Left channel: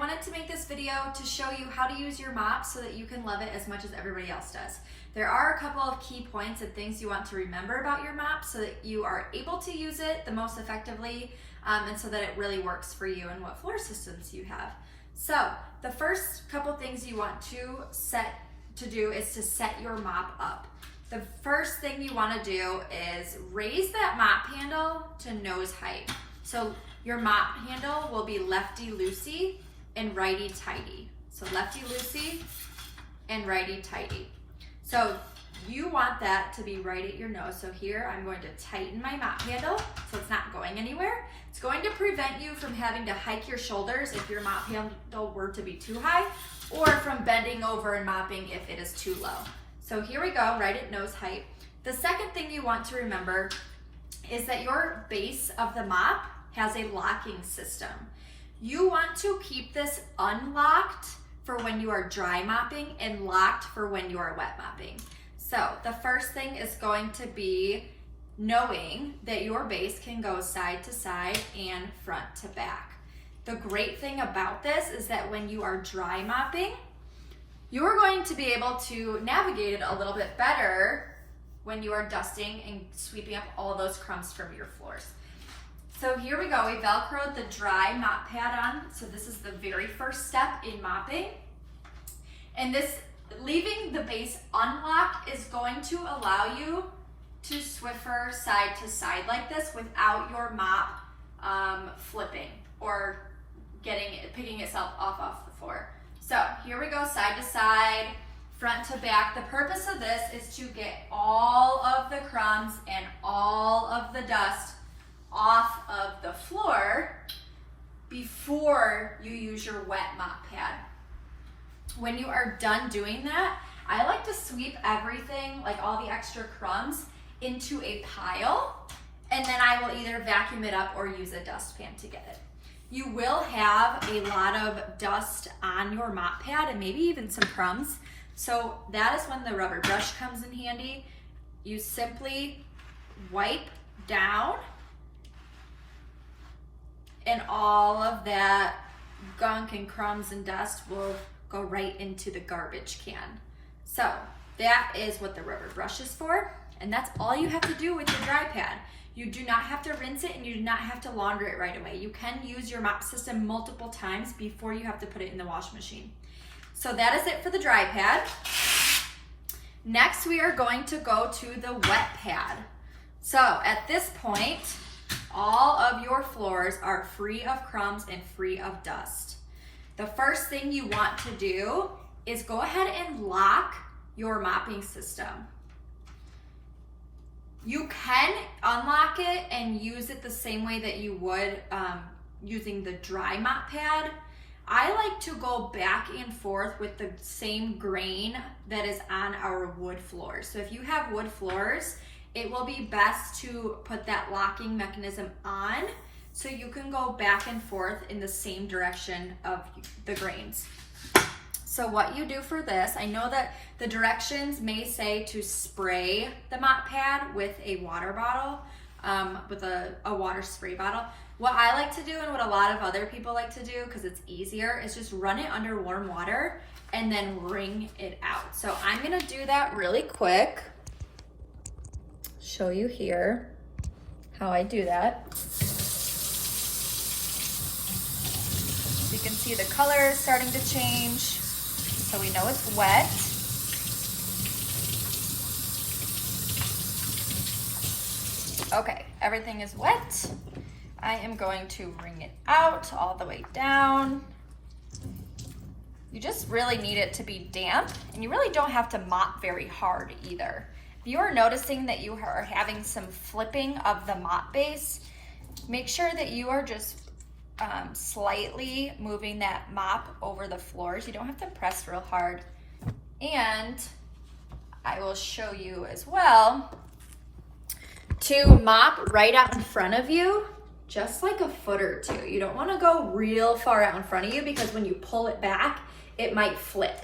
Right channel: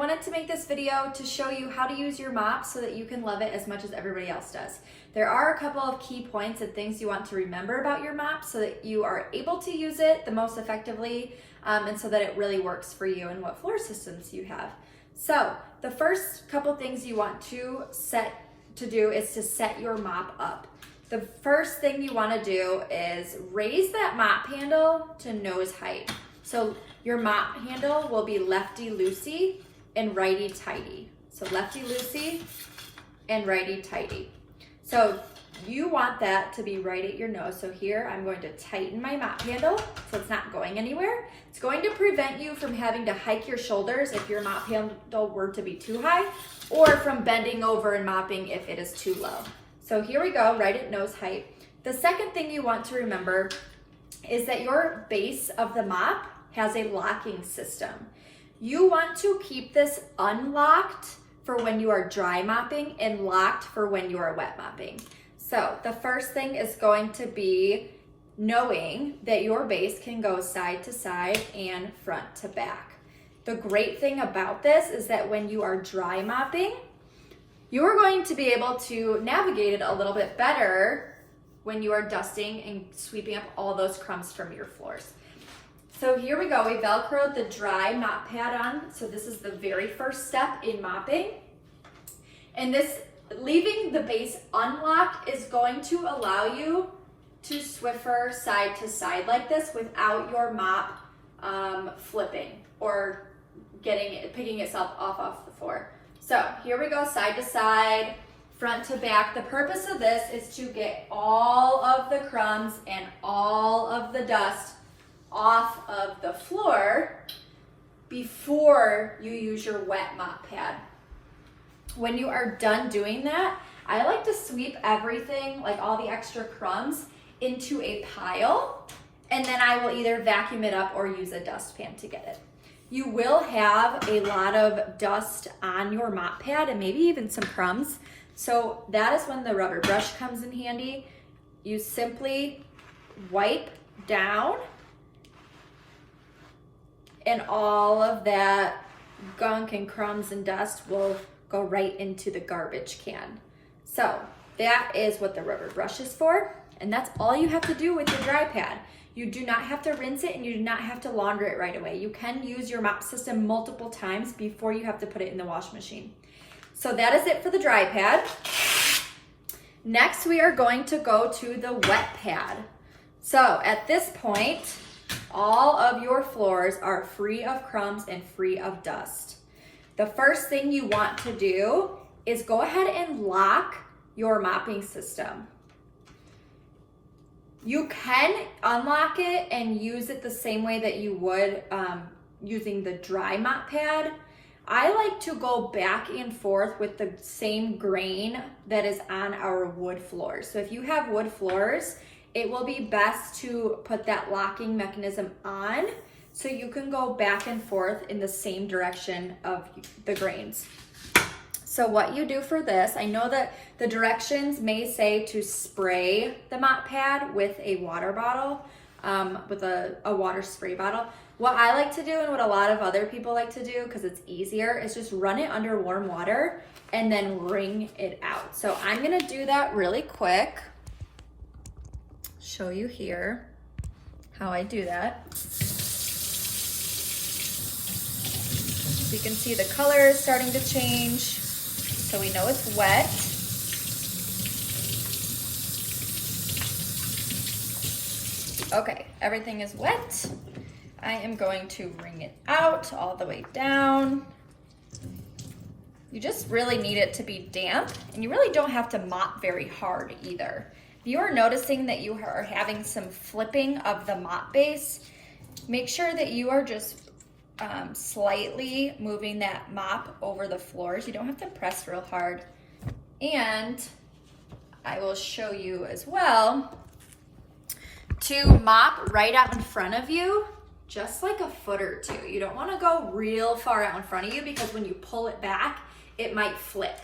wanted to make this video to show you how to use your mop so that you can love it as much as everybody else does. There are a couple of key points and things you want to remember about your mop so that you are able to use it the most effectively and so that it really works for you and what floor systems you have. So the first couple things you want to do is to set your mop up. The first thing you want to do is raise that mop handle to nose height. So your mop handle will be lefty-loosey and righty-tighty. So lefty-loosey and righty-tighty. So you want that to be right at your nose. So here I'm going to tighten my mop handle so it's not going anywhere. It's going to prevent you from having to hike your shoulders if your mop handle were to be too high, or from bending over and mopping if it is too low. So here we go, right at nose height. The second thing you want to remember is that your base of the mop has a locking system. You want to keep this unlocked for when you are dry mopping and locked for when you are wet mopping. So the first thing is going to be knowing that your base can go side to side and front to back. The great thing about this is that when you are dry mopping, you are going to be able to navigate it a little bit better when you are dusting and sweeping up all those crumbs from your floors. So here we go, we Velcroed the dry mop pad on. So this is the very first step in mopping. And this, leaving the base unlocked is going to allow you to Swiffer side to side like this without your mop flipping or picking itself off the floor. So here we go, side to side, front to back. The purpose of this is to get all of the crumbs and all of the dust off of the floor before you use your wet mop pad. When you are done doing that, I like to sweep everything, like all the extra crumbs, into a pile, and then I will either vacuum it up or use a dustpan to get it. You will have a lot of dust on your mop pad and maybe even some crumbs. So that is when the rubber brush comes in handy. You simply wipe down and all of that gunk and crumbs and dust will go right into the garbage can. So that is what the rubber brush is for, and that's all you have to do with your dry pad. You do not have to rinse it and you do not have to launder it right away. You can use your mop system multiple times before you have to put it in the wash machine. So that is it for the dry pad. Next, we are going to go to the wet pad. So at this point, all of your floors are free of crumbs and free of dust. The first thing you want to do is go ahead and lock your mopping system. You can unlock it and use it the same way that you would using the dry mop pad. I like to go back and forth with the same grain that is on our wood floors. So if you have wood floors, it will be best to put that locking mechanism on so you can go back and forth in the same direction of the grains. So what you do for this, I know that the directions may say to spray the mop pad with a water bottle, with a water spray bottle. What I like to do and what a lot of other people like to do, because it's easier, is just run it under warm water and then wring it out. So I'm gonna do that really quick. Show you here how I do that. You can see the color is starting to change, so we know it's wet. Okay, everything is wet. I am going to wring it out all the way down. You just really need it to be damp, and you really don't have to mop very hard either. If you are noticing that you are having some flipping of the mop base, make sure that you are just slightly moving that mop over the floors. You don't have to press real hard. And I will show you as well to mop right out in front of you, just like a foot or two. You don't want to go real far out in front of you because when you pull it back, it might flip.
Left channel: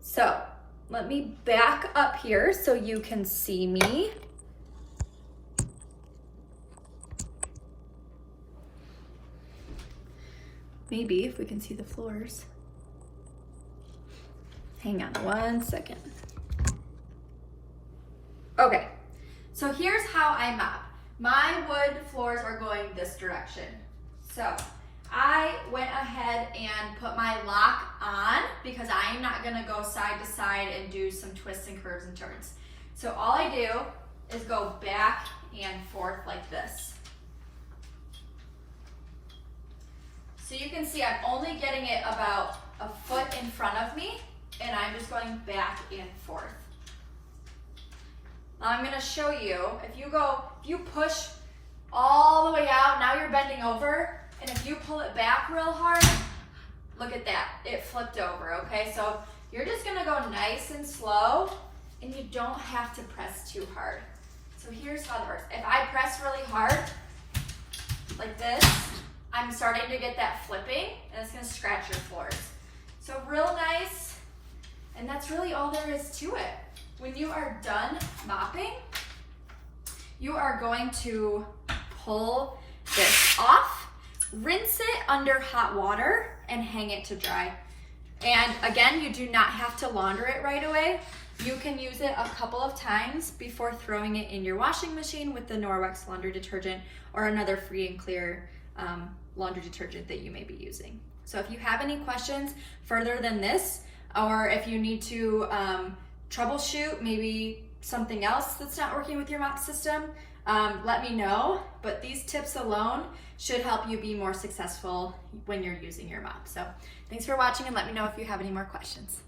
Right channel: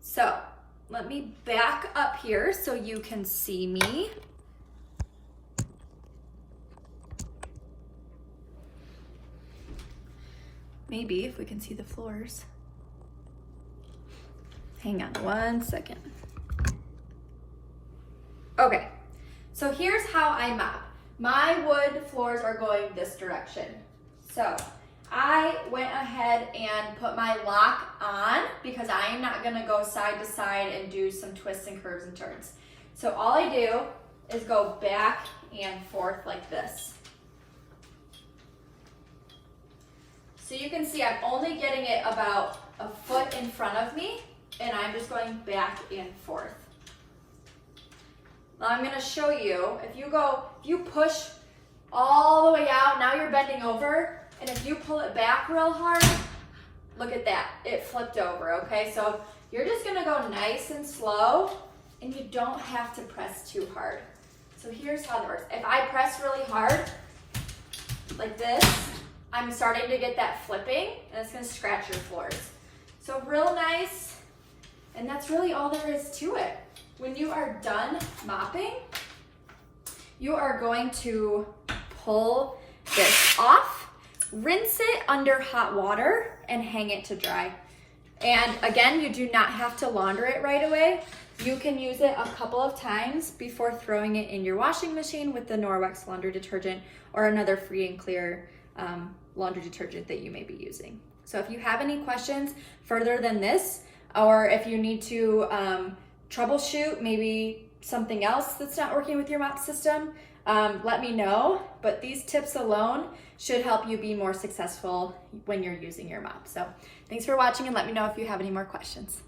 So let me back up here so you can see me. maybe if we can see the floors. Hang on one second. Okay, so here's how I mop. My wood floors are going this direction. So I went ahead and put my lock on because I am not gonna go side to side and do some twists and curves and turns. So all I do is go back and forth like this. So you can see I'm only getting it about a foot in front of me, and I'm just going back and forth. Now I'm gonna show you, if you push all the way out, now you're bending over, and if you pull it back real hard, look at that, it flipped over, okay? So you're just gonna go nice and slow, and you don't have to press too hard. So here's how it works. If I press really hard, like this, I'm starting to get that flipping, and it's gonna scratch your floors. So real nice, and that's really all there is to it. When you are done mopping, you are going to pull this off, rinse it under hot water, and hang it to dry. And again, you do not have to launder it right away. You can use it a couple of times before throwing it in your washing machine with the Norwex laundry detergent or another free and clear laundry detergent that you may be using. So if you have any questions further than this, or if you need to troubleshoot maybe something else that's not working with your mop system, let me know. But these tips alone should help you be more successful when you're using your mop. So thanks for watching, and let me know if you have any more questions.